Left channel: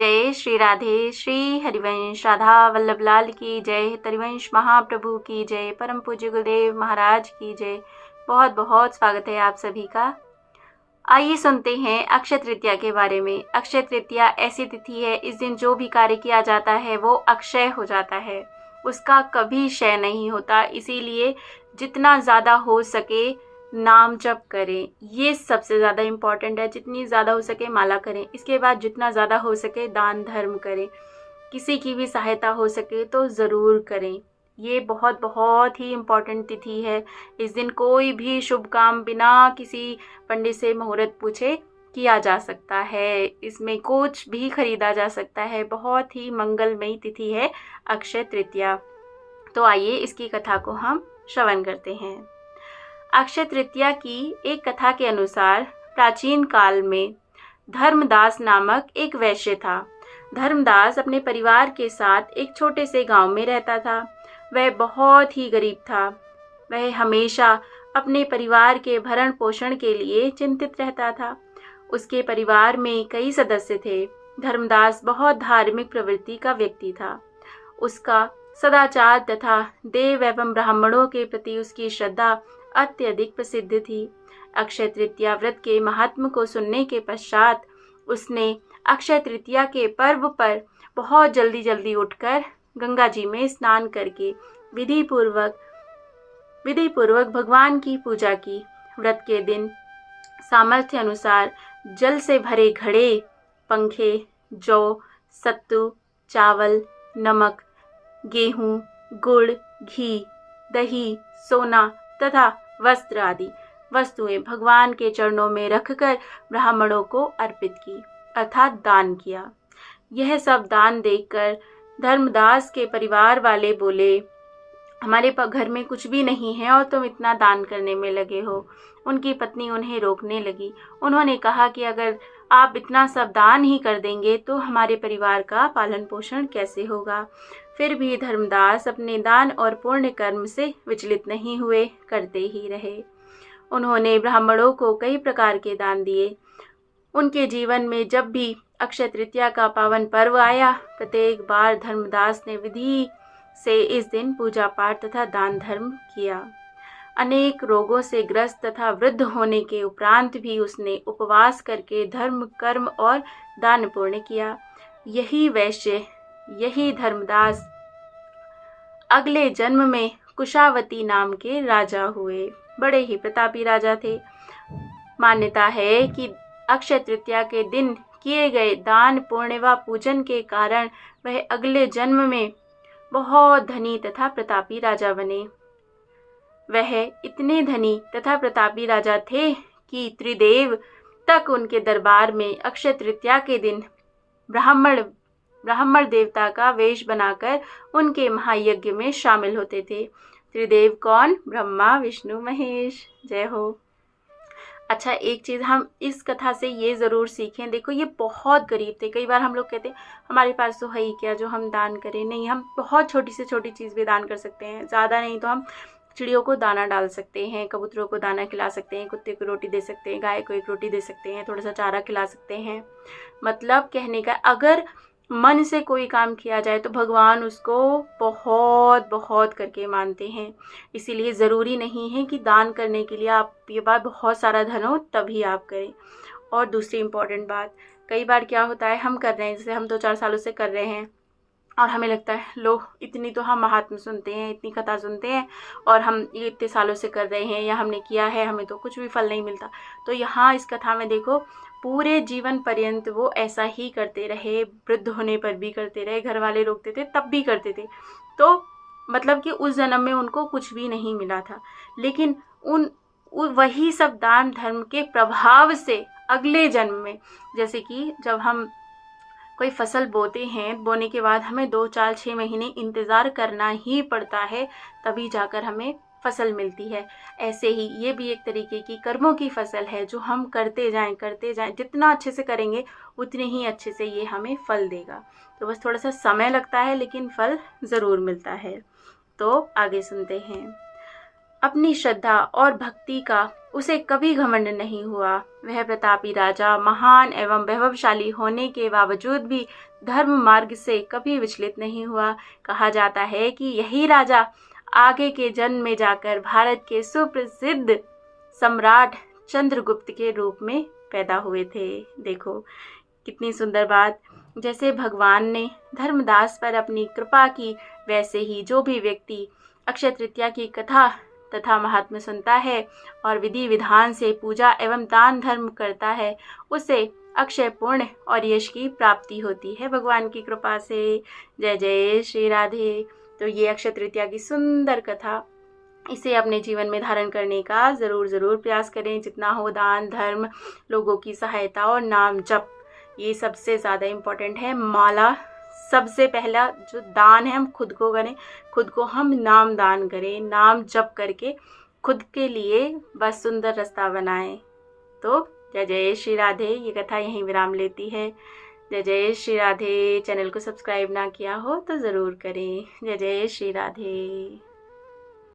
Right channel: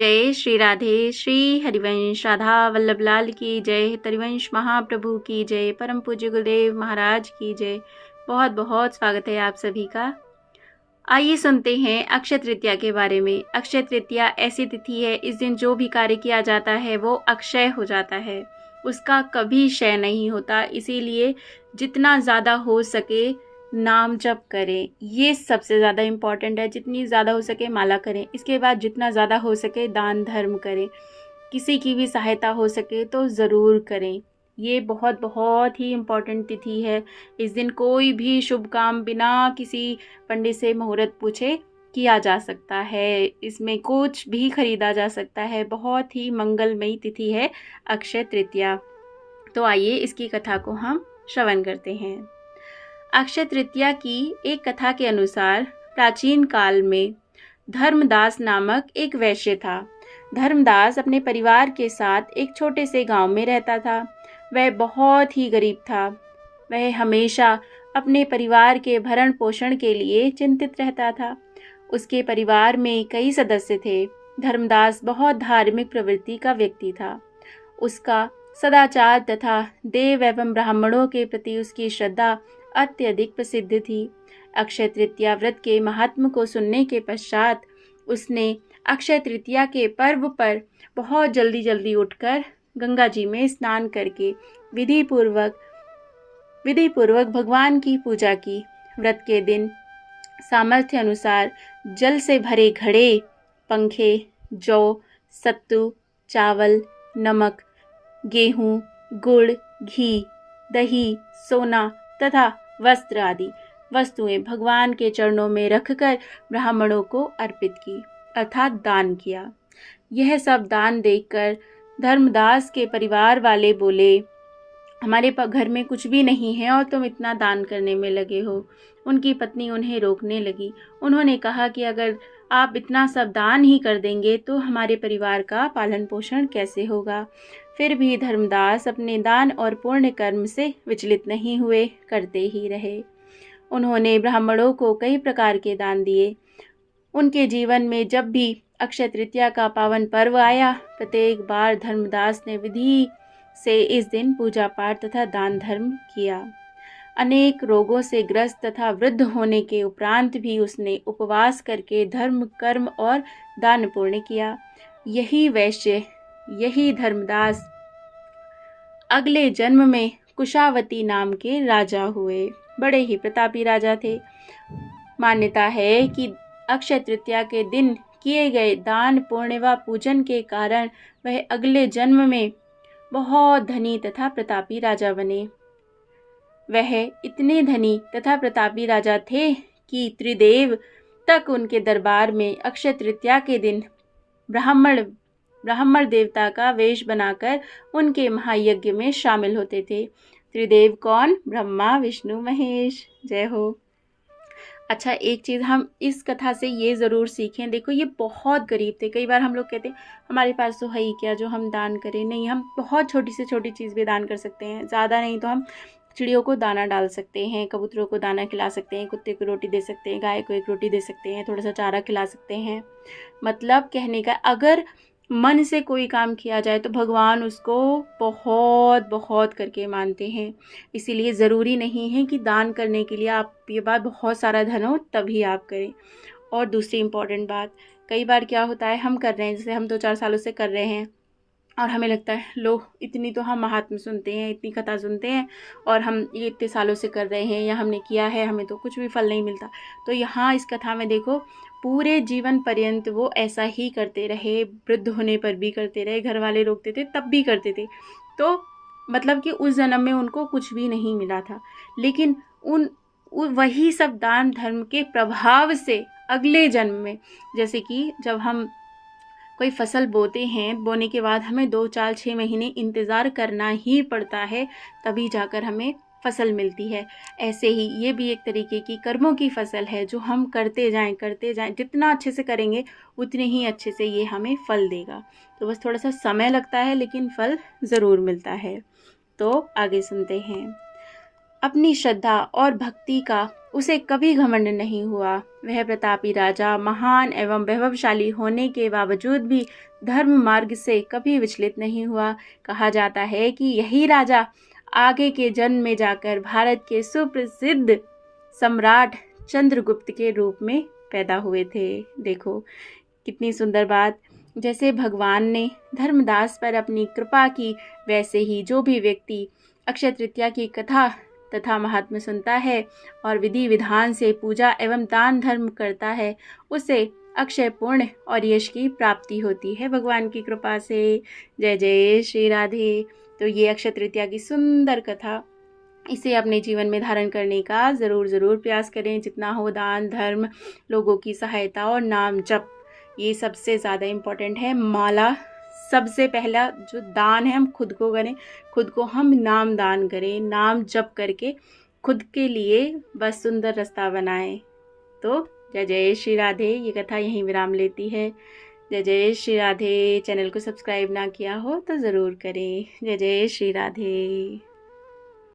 जय श्री राधे। श्री हरिवंश राधा वल्लभ लाल की जय। हरिवंश महाप्रभु की जय। परम पूज्य गुरुदेव महाराज की जय। बहुत बहुत स्वागत है आप सभी का। आइए सुनते हैं अक्षय तृतीया के बारे में। अक्षय तृतीया ऐसी तिथि है, इस दिन जो भी कार्य किया जाता है वो अक्षय हो जाता है, उसका कभी क्षय नहीं होता। इसीलिए जितना ज़्यादा हो सके नाम जप करें, ये सबसे ज़्यादा इम्पॉर्टेंट है। जितनी ज़्यादा हो सके माला करें, इसके बाद जितना ज़्यादा हो सके दान धर्म करें, किसी की भी सहायता हो सके तो ज़रूर करें। ये बहुत बहुत ही इम्पॉर्टेंट तिथि है। इस दिन कोई भी शुभ काम बिना किसी पंडित से मुहूर्त पूछे किया जा सकता है। इसमें कुछ भी खरीदा जा सकता है। बहुत ही मंगलमयी तिथि है अक्षय तृतीया। तो आइए इसकी कथा को हम श्रवण करते हैं। अक्षय तृतीया की एक कथा के अनुसार प्राचीन काल में धर्मदास नामक एक वैश्य था। धर्मदास अपने परिवार के साथ एक छोटे से गांव में रहता था। वह बहुत ही गरीब था। वह हमेशा अपने परिवार के भरण पोषण के लिए चिंतित रहता था। उसके परिवार में कई सदस्य थे। धर्मदास बहुत धार्मिक प्रवृत्ति का व्यक्ति था। उसका सदाचार तथा देव एवं ब्राह्मणों के प्रति उसकी श्रद्धा अत्यधिक प्रसिद्ध थी। अक्षय तृतीया व्रत के महात्म को सुनने के पश्चात उसने अक्षय तृतीया के पर्व पर बहुत जल्दी उठकर गंगा जी में स्नान करके विधि पूर्वक भगवान की पूजा की। व्रत के दिन सामर्थ्य अनुसार जल से भरे घड़े, पंखे, जौ, सत्तू, चावल, नमक, गेहूं, गुड़, घी, दही, सोना तथा वस्त्र आदि वस्तुएं भगवान के चरणों में रखकर ब्राह्मणों को अर्पित की, अर्थात दान किया। यह सब दान देखकर धर्मदास के परिवार वाले बोले, हमारे घर में कुछ भी नहीं है और तुम इतना दान करने में लगे हो। उनकी पत्नी उन्हें रोकने लगी। उन्होंने कहा कि अगर आप इतना सब दान ही कर देंगे तो हमारे परिवार का पालन पोषण कैसे होगा। फिर भी धर्मदास अपने दान और पुण्य कर्म से विचलित नहीं हुए, करते ही रहे। उन्होंने ब्राह्मणों को कई प्रकार के दान दिए। उनके जीवन में जब भी अक्षय तृतीया का पावन पर्व आया, प्रत्येक बार धर्मदास ने विधि से इस दिन पूजा पाठ तथा दान धर्म किया। अनेक रोगों से ग्रस्त तथा वृद्ध होने के उपरांत भी उसने उपवास करके धर्म, कर्म और दान पुण्य किया। यही वैश्य, यही धर्मदास अगले जन्म में कुशावती नाम के राजा हुए। बड़े ही प्रतापी राजा थे। मान्यता है कि अक्षय तृतीया के दिन किए गए दान, पुण्य व पूजन के कारण वह अगले जन्म में बहुत धनी तथा प्रतापी राजा बने। वह इतने धनी तथा प्रतापी राजा थे कि त्रिदेव तक उनके दरबार में अक्षय तृतीया के दिन ब्राह्मण देवता का वेश बनाकर उनके महायज्ञ में शामिल होते थे। त्रिदेव कौन? ब्रह्मा, विष्णु, महेश। जय हो। अच्छा, एक चीज़ हम इस कथा से ये ज़रूर सीखें। देखो, ये बहुत गरीब थे। कई बार हम लोग कहते हैं हमारे पास तो है ही क्या जो हम दान करें। नहीं, हम बहुत छोटी से छोटी चीज़ भी दान कर सकते हैं। ज़्यादा नहीं तो हम चिड़ियों को दाना डाल सकते हैं, कबूतरों को दाना खिला सकते हैं, कुत्ते को रोटी दे सकते हैं, गाय को एक रोटी दे सकते हैं, थोड़ा सा चारा खिला सकते हैं। मतलब कहने का, अगर मन से कोई काम किया जाए तो भगवान उसको बहुत बहुत करके मानते हैं। इसीलिए ज़रूरी नहीं है कि दान करने के लिए आपके पास बहुत सारा धन हो तभी आप करें। और दूसरी इम्पॉर्टेंट बात, कई बार क्या होता है, हम कर रहे हैं, जैसे हम 2-4 सालों से कर रहे हैं और हमें लगता है लो इतनी तो हम महात्म सुनते हैं, इतनी कथा सुनते हैं और हम ये इतने सालों से कर रहे हैं या हमने किया है, हमें तो कुछ भी फल नहीं मिलता। तो यहाँ इस कथा में देखो, पूरे जीवन पर्यंत वो ऐसा ही करते रहे। वृद्ध होने पर भी करते रहे, घर वाले रोकते थे तब भी करते थे। तो मतलब कि उस जन्म में उनको कुछ भी नहीं मिला था, लेकिन वही सब दान धर्म के प्रभाव से अगले जन्म में, जैसे कि जब हम कोई फसल बोते हैं, बोने के बाद हमें 2-4-6 महीने इंतज़ार करना ही पड़ता है, तभी जाकर हमें फसल मिलती है। ऐसे ही ये भी एक तरीके की कर्मों की फसल है जो हम करते जाएं। जितना अच्छे से करेंगे उतने ही अच्छे से ये हमें फल देगा। तो बस थोड़ा सा समय लगता है लेकिन फल ज़रूर मिलता है। तो आगे सुनते हैं। अपनी श्रद्धा और भक्ति का उसे कभी घमंड नहीं हुआ। वह प्रतापी राजा महान एवं वैभवशाली होने के बावजूद भी धर्म मार्ग से कभी विचलित नहीं हुआ। कहा जाता है कि यही राजा आगे के जन्म में जाकर भारत के सुप्रसिद्ध सम्राट चंद्रगुप्त के रूप में पैदा हुए थे। देखो कितनी सुंदर बात। जैसे भगवान ने धर्मदास पर अपनी कृपा की, वैसे ही जो भी व्यक्ति अक्षय तृतीया की कथा तथा महात्म्य सुनता है और विधि विधान से पूजा एवं दान धर्म करता है, उसे अक्षय पुण्य और यश की प्राप्ति होती है भगवान की कृपा से। जय जय श्री राधे। तो ये अक्षय तृतीया की सुंदर कथा, इसे अपने जीवन में धारण करने का ज़रूर प्रयास करें। जितना हो दान धर्म, लोगों की सहायता और नाम जप, ये सबसे ज़्यादा इम्पोर्टेंट है। माला सबसे पहला जो दान है हम खुद को करें, खुद को हम नाम दान करें, नाम जप करके खुद के लिए बस सुंदर रास्ता बनाएं। तो जय जय श्री राधे। ये कथा यहीं विराम लेती है। जय जय श्री राधे। चैनल को सब्सक्राइब ना किया हो तो ज़रूर करें। जय जय श्री राधे।